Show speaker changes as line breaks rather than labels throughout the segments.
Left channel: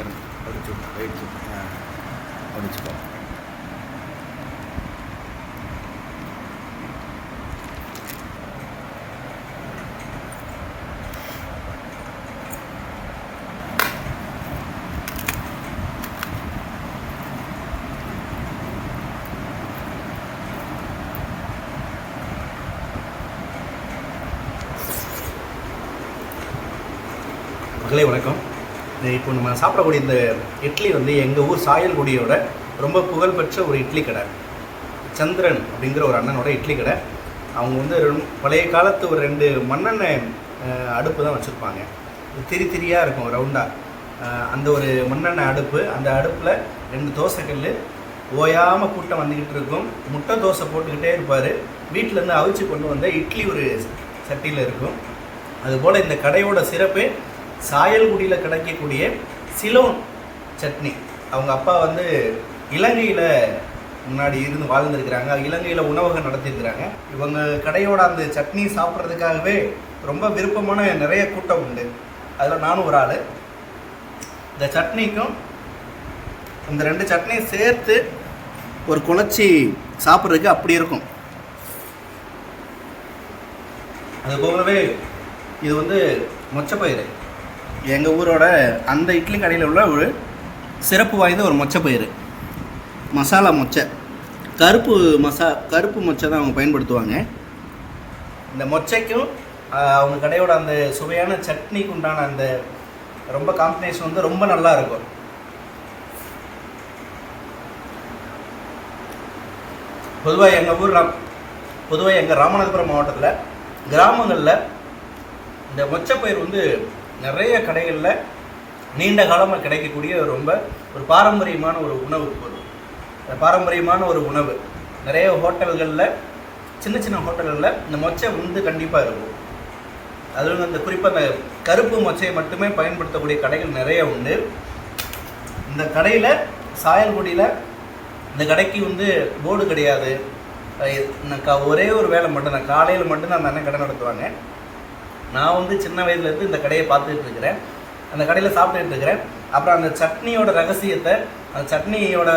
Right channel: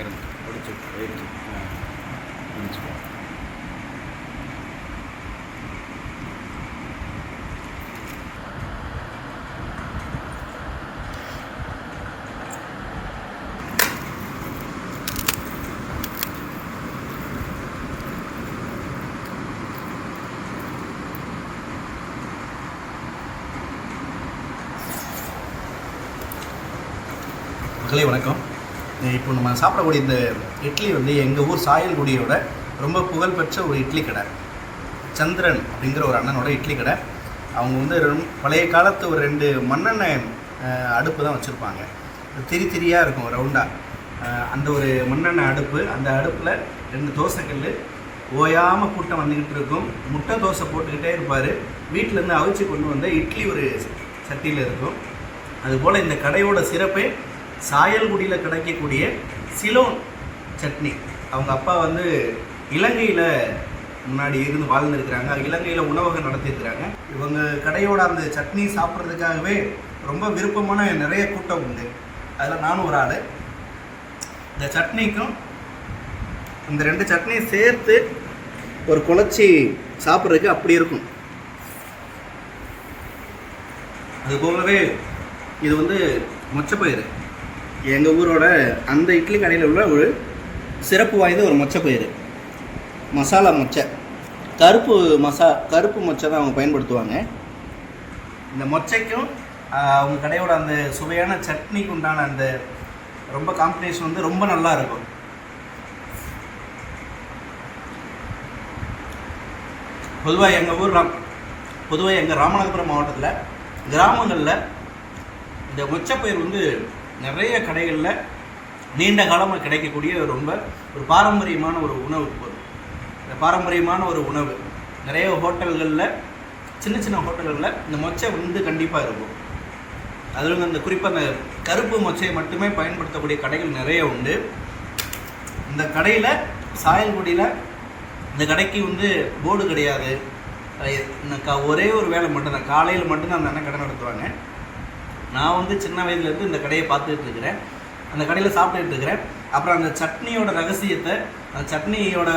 వేడి వేడి వేడి అందించుకోవాలి மகளே வணக்கம் இப்போ நம்ம சாப்பிடக்கூடிய இந்த இட்லி வந்து எங்கள் ஊர் சாயல்குடியோட ரொம்ப புகழ்பெற்ற ஒரு இட்லி கடை. சந்திரன் அப்படிங்கிற ஒரு அண்ணனோட இட்லி கடை. அவங்க வந்து பழைய காலத்து ஒரு ரெண்டு மண்ணெண்ணெய் அடுப்பு தான் வச்சுருப்பாங்க. திரி திரியாக இருக்கும் ரவுண்டாக அந்த ஒரு மண்ணெண்ணெய் அடுப்பு அந்த அடுப்பில் ரெண்டு தோசைக்கல் ஓயாமல் கூட்டம் வந்துக்கிட்டு இருக்கும். முட்டை தோசை போட்டுக்கிட்டே இருப்பார். வீட்டிலேருந்து அவிச்சு கொண்டு வந்த இட்லி ஒரு சட்டியில் இருக்கும். அதுபோல் இந்த கடையோட சிறப்பே சாயல்குடியில் கிடைக்கக்கூடிய சிலோன் சட்னி. அவங்க அப்பா வந்து இலங்கையில் முன்னாடி இருந்து வாழ்ந்துருக்கிறாங்க. இலங்கையில் உணவகம் நடத்தியிருக்கிறாங்க. இவங்க கடையோட அந்த சட்னி சாப்பிட்றதுக்காகவே ரொம்ப விருப்பமான நிறைய கூட்டம் உண்டு. அதில் நானும் ஒரு ஆள். இந்த சட்னிக்கும் இந்த ரெண்டு சட்னியும் சேர்த்து ஒரு குழச்சி சாப்பிட்றதுக்கு அப்படி இருக்கும். அது போலவே இது வந்து மொச்சப்பயிறு. எங்கள் ஊரோட அந்த இட்லி கடையில் உள்ள ஒரு சிறப்பு வாய்ந்த ஒரு மொச்சப்பயிறு மசாலா மொச்சை. கருப்பு மசா கருப்பு மொச்சை தான் அவங்க பயன்படுத்துவாங்க. இந்த மொச்சைக்கும் அவங்க கடையோட அந்த சுவையான சட்னிக்கு உண்டான அந்த ரொம்ப காம்பினேஷன் வந்து ரொம்ப நல்லா இருக்கும். பொதுவாக எங்கள் ஊர் பொதுவாக எங்கள் ராமநாதபுரம் மாவட்டத்தில் கிராமங்களில் இந்த மொச்சப்பயிர் வந்து நிறைய கடைகளில் நீண்ட காலமாக கிடைக்கக்கூடிய ரொம்ப ஒரு பாரம்பரியமான ஒரு உணவு பொருள். இந்த பாரம்பரியமான ஒரு உணவு. நிறைய ஹோட்டல்களில் சின்ன சின்ன ஹோட்டல்களில் இந்த மொச்சை வந்து கண்டிப்பாக இருக்கும். அதில் அந்த குறிப்பாக அந்த கருப்பு மொச்சையை மட்டுமே பயன்படுத்தக்கூடிய கடைகள் நிறைய உண்டு. இந்த கடையில் சாயல்குடியில் இந்த கடைக்கு வந்து போர்டு கிடையாது. அஹ் கா- ஒரே ஒரு வேலை மட்டும்தான் காலையில் மட்டும்தான் அந்த அண்ணன் கடை நடத்துவாங்க. நான் வந்து சின்ன வயதுலேருந்து இந்த கடையை பார்த்துட்டு இருக்கிறேன். அந்த கடையில் சாப்பிட்டுட்டு இருக்கிறேன். அப்புறம் அந்த சட்னியோட ரகசியத்தை அந்த சட்னியோட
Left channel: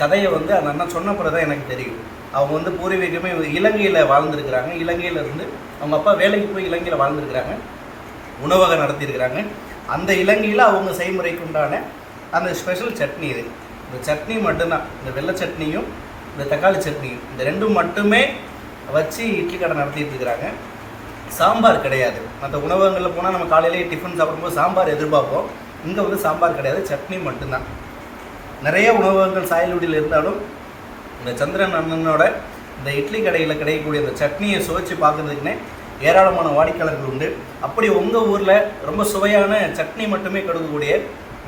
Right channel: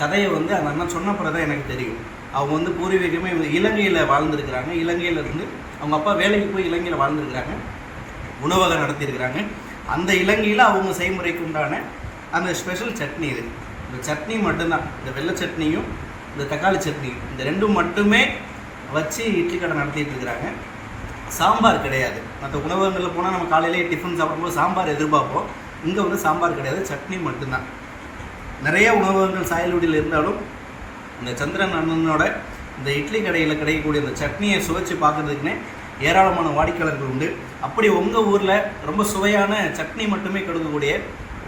கதையை வந்து அந்த அண்ணன் சொன்னப்புறம் தான் எனக்கு தெரியும். அவங்க வந்து பூர்வீகமே இலங்கையில் வாழ்ந்துருக்கிறாங்க. இலங்கையிலேருந்து அவங்க அப்பா வேலைக்கு போய் இலங்கையில் வாழ்ந்துருக்கிறாங்க. உணவகம் நடத்தியிருக்கிறாங்க. அந்த இலங்கையில் அவங்க செய்முறைக்கு உண்டான அந்த ஸ்பெஷல் சட்னி இது. இந்த சட்னி மட்டும்தான். இந்த வெள்ளை சட்னியும் இந்த தக்காளி சட்னியும் இந்த ரெண்டும் மட்டுமே வச்சு இட்லி கடை நடத்திட்டு இருக்கிறாங்க. சாம்பார் கிடையாது. மற்ற உணவகங்களில் போனால் நம்ம காலையிலேயே டிஃபன் சாப்பிடும்போது சாம்பார் எதிர்பார்ப்போம். இங்கே வந்து சாம்பார் கிடையாது சட்னி மட்டும்தான். நிறைய உணவகங்கள் சாயல்குடியில் இருந்தாலும் இந்த சந்திரன் அண்ணனோட இந்த இட்லி கடையில் கிடைக்கக்கூடிய அந்த சட்னியை சுவைச்சு பார்க்குறதுக்குன்னே ஏராளமான வாடிக்கையாளர்கள் உண்டு. அப்படி உங்கள் ஊரில் ரொம்ப சுவையான சட்னி மட்டுமே கொடுக்கக்கூடிய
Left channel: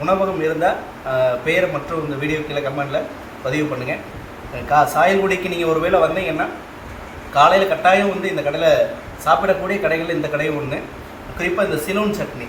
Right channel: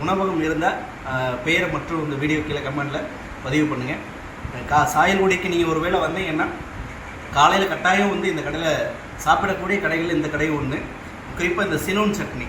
உணவகம் இருந்தால் பெயரை மற்றும் இந்த வீடியோ கீழே கமெண்டில் பதிவு பண்ணுங்கள் கா சாயல்குடிக்கு நீங்கள் ஒருவேளை வந்தீங்கன்னா காலையில் கட்டாயம் வந்து இந்த கடையில் சாப்பிடக்கூடிய கடைகள் இந்த கடை ஒன்று குறிப்பாக இந்த சிலோன் சட்னி.